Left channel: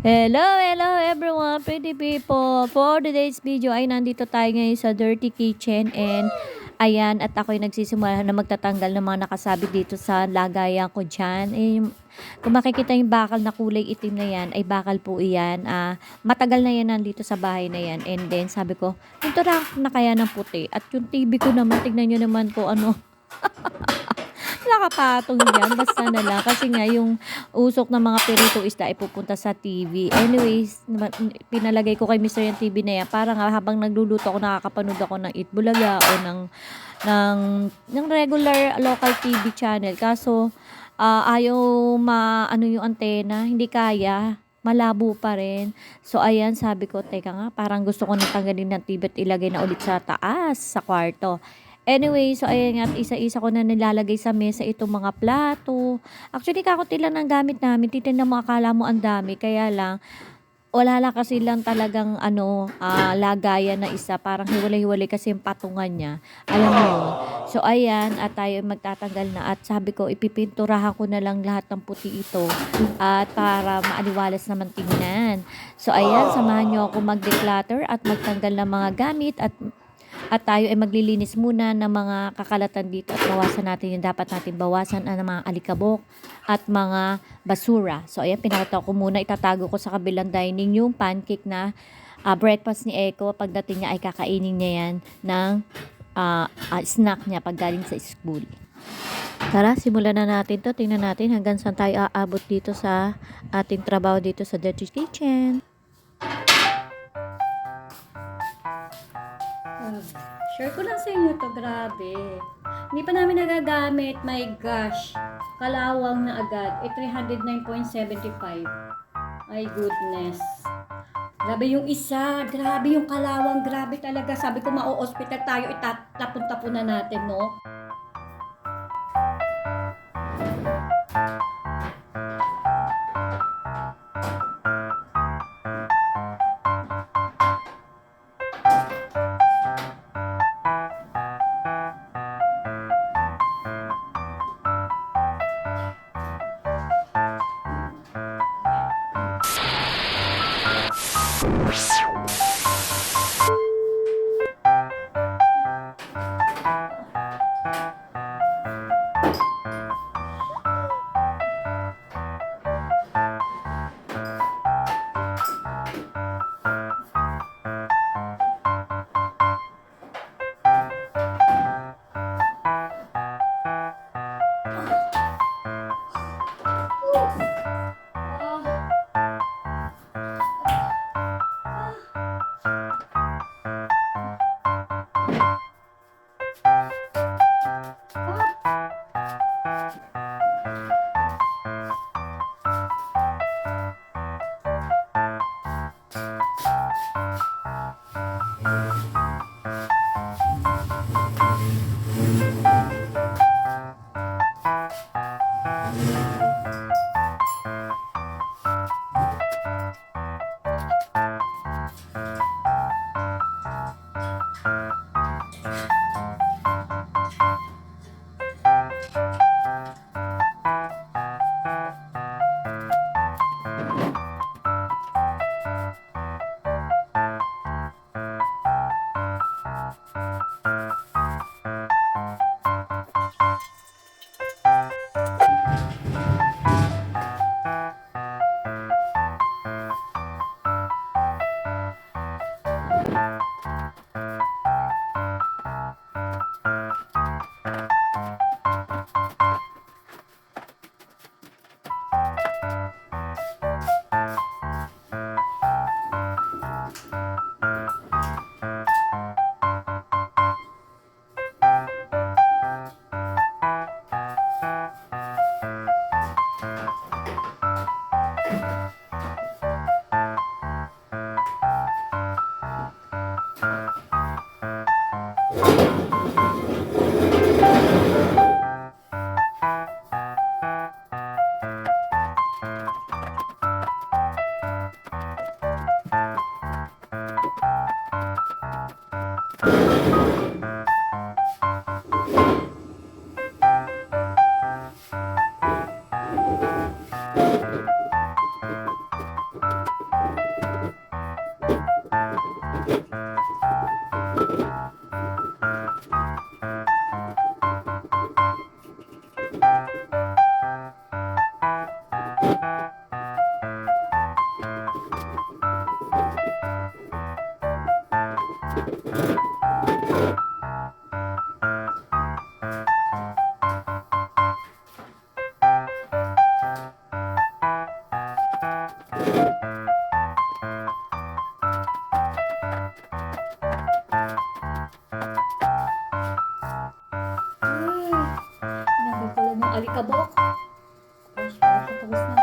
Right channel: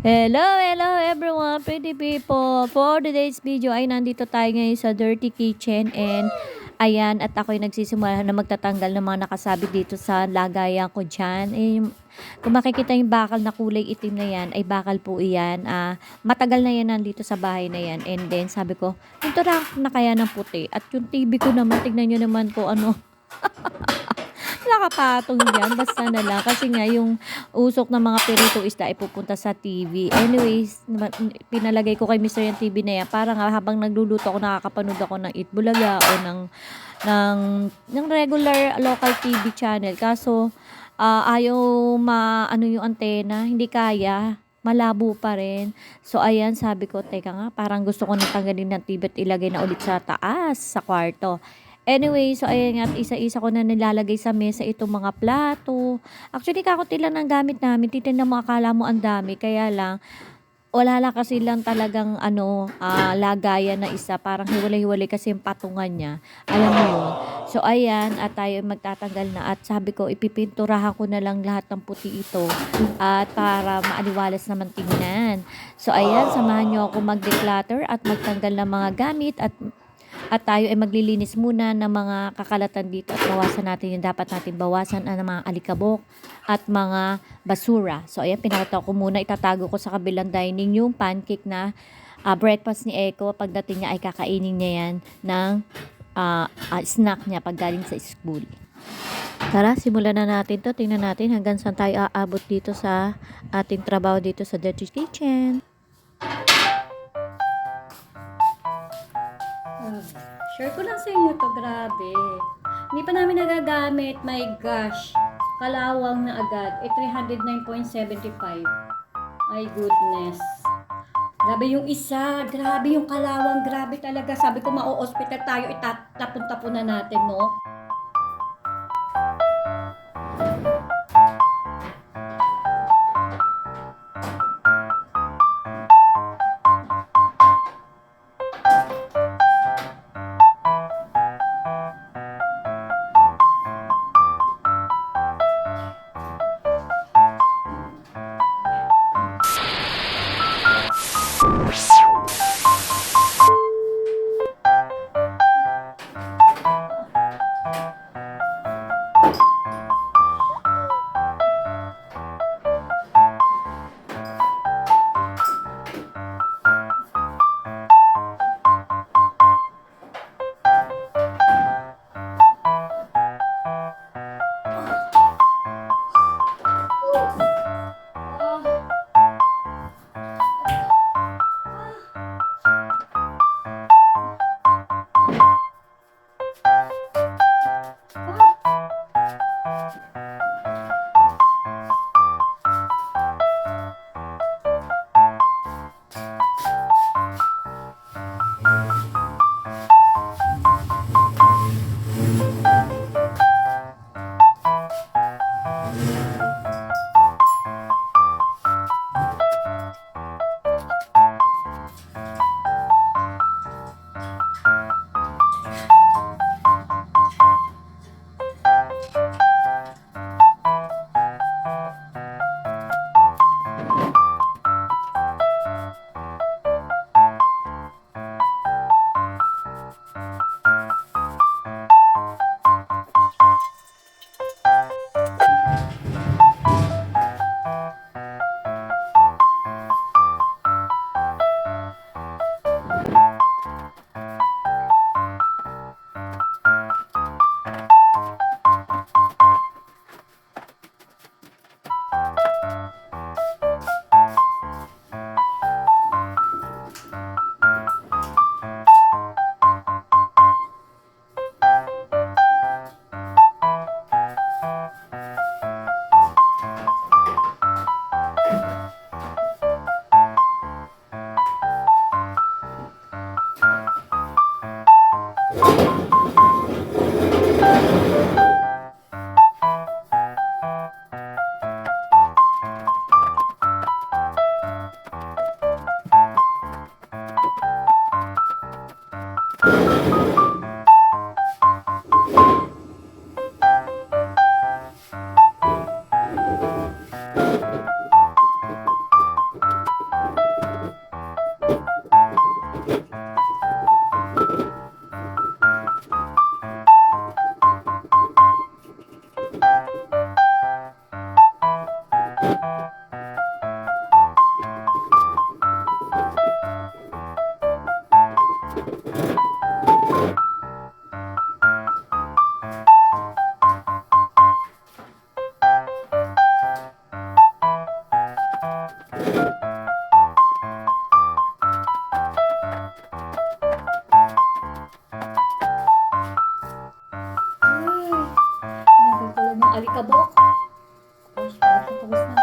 Hello, hello everyone, pretty people. For today's video ay nandito tayo ngayon sa Dirty Kitchen and ayan at ako'y nagsisimula na magtatanggal ng mga nakasabit dito sa lagayan ko dyan. Eh, kung makikita yung bakal na kulay itim na yan, ay bakal po iyan. Ah, matagal na yan nandito sa bahay na yan. And then sabi ko, pintura na kaya ng puti. At yung TV ko naman, tignan nyo naman ko ano, nakapatong yan. Basta na lang. Kasi nga, yung usok ng mga perito isda ay pupunta sa TV. Anyways, pinalagay ko kay Mr. yung TV na yan. Para nga habang nagluluto ako, nakakapanood ako ng Itbulaga o ng, ng, ng regular local TV channel. Kaso, ah, ayaw ma, ano yung antena, hindi kaya malabo pa rin. So, ayan, sabi ko, teka nga, parang gusto ko natanggalin ng TV at ilagay na ulit sa taas, sa kwarto. Anyway, so ayan nga, isa-isa ko na nilalagay sa mesa itong mga plato. Actually, kakunti lang ng gamit namin. Titignan mo, akala mo ang dami. Kaya lang, wala lang kasi lang talagang ano, ah, lagayan na isa. Parang hiwalay-hiwalay kasi yung patungan niya. Alam mo yun. So, ayan, at tayo magtatanggal na. At sabi ko, ipipinturahan ko na lang lahat ng puti ito. At para maaliwalas naman tingnan. So, ayan, samahan niyo ako mag-declutter at magtanggal ng mga gamit at at tayo ay maglilinis muna ng mga kakalatan dito at bawasan natin yung dapat natin bawasan ang mga alikabok at mga basura. So ayan, pinakita ko muna, itatago ko sa kabilang dining yung pancake na ah, breakfast ni Echo. Pagdating niya ay kakainin niya yan ng ah, ah, snack niya pag galing sa school. Tara, simulan na natin to. Tingnan natin hanggang saan tayo aabot dito sa ating trabaho dito sa Dirty Kitchen. Share ko lang sa inyo to, grabe. Hindi pa namin nagagamit, my gosh. Kalawang na agad. Eh, 309.75. My goodness. Grabe yung isa, grabe yung kalawang, grabe talaga. Sabi ko, mau-hospital tayo, itatapon-tapon na natin, no? Peace. Nakabok. Gosh, parang pawis na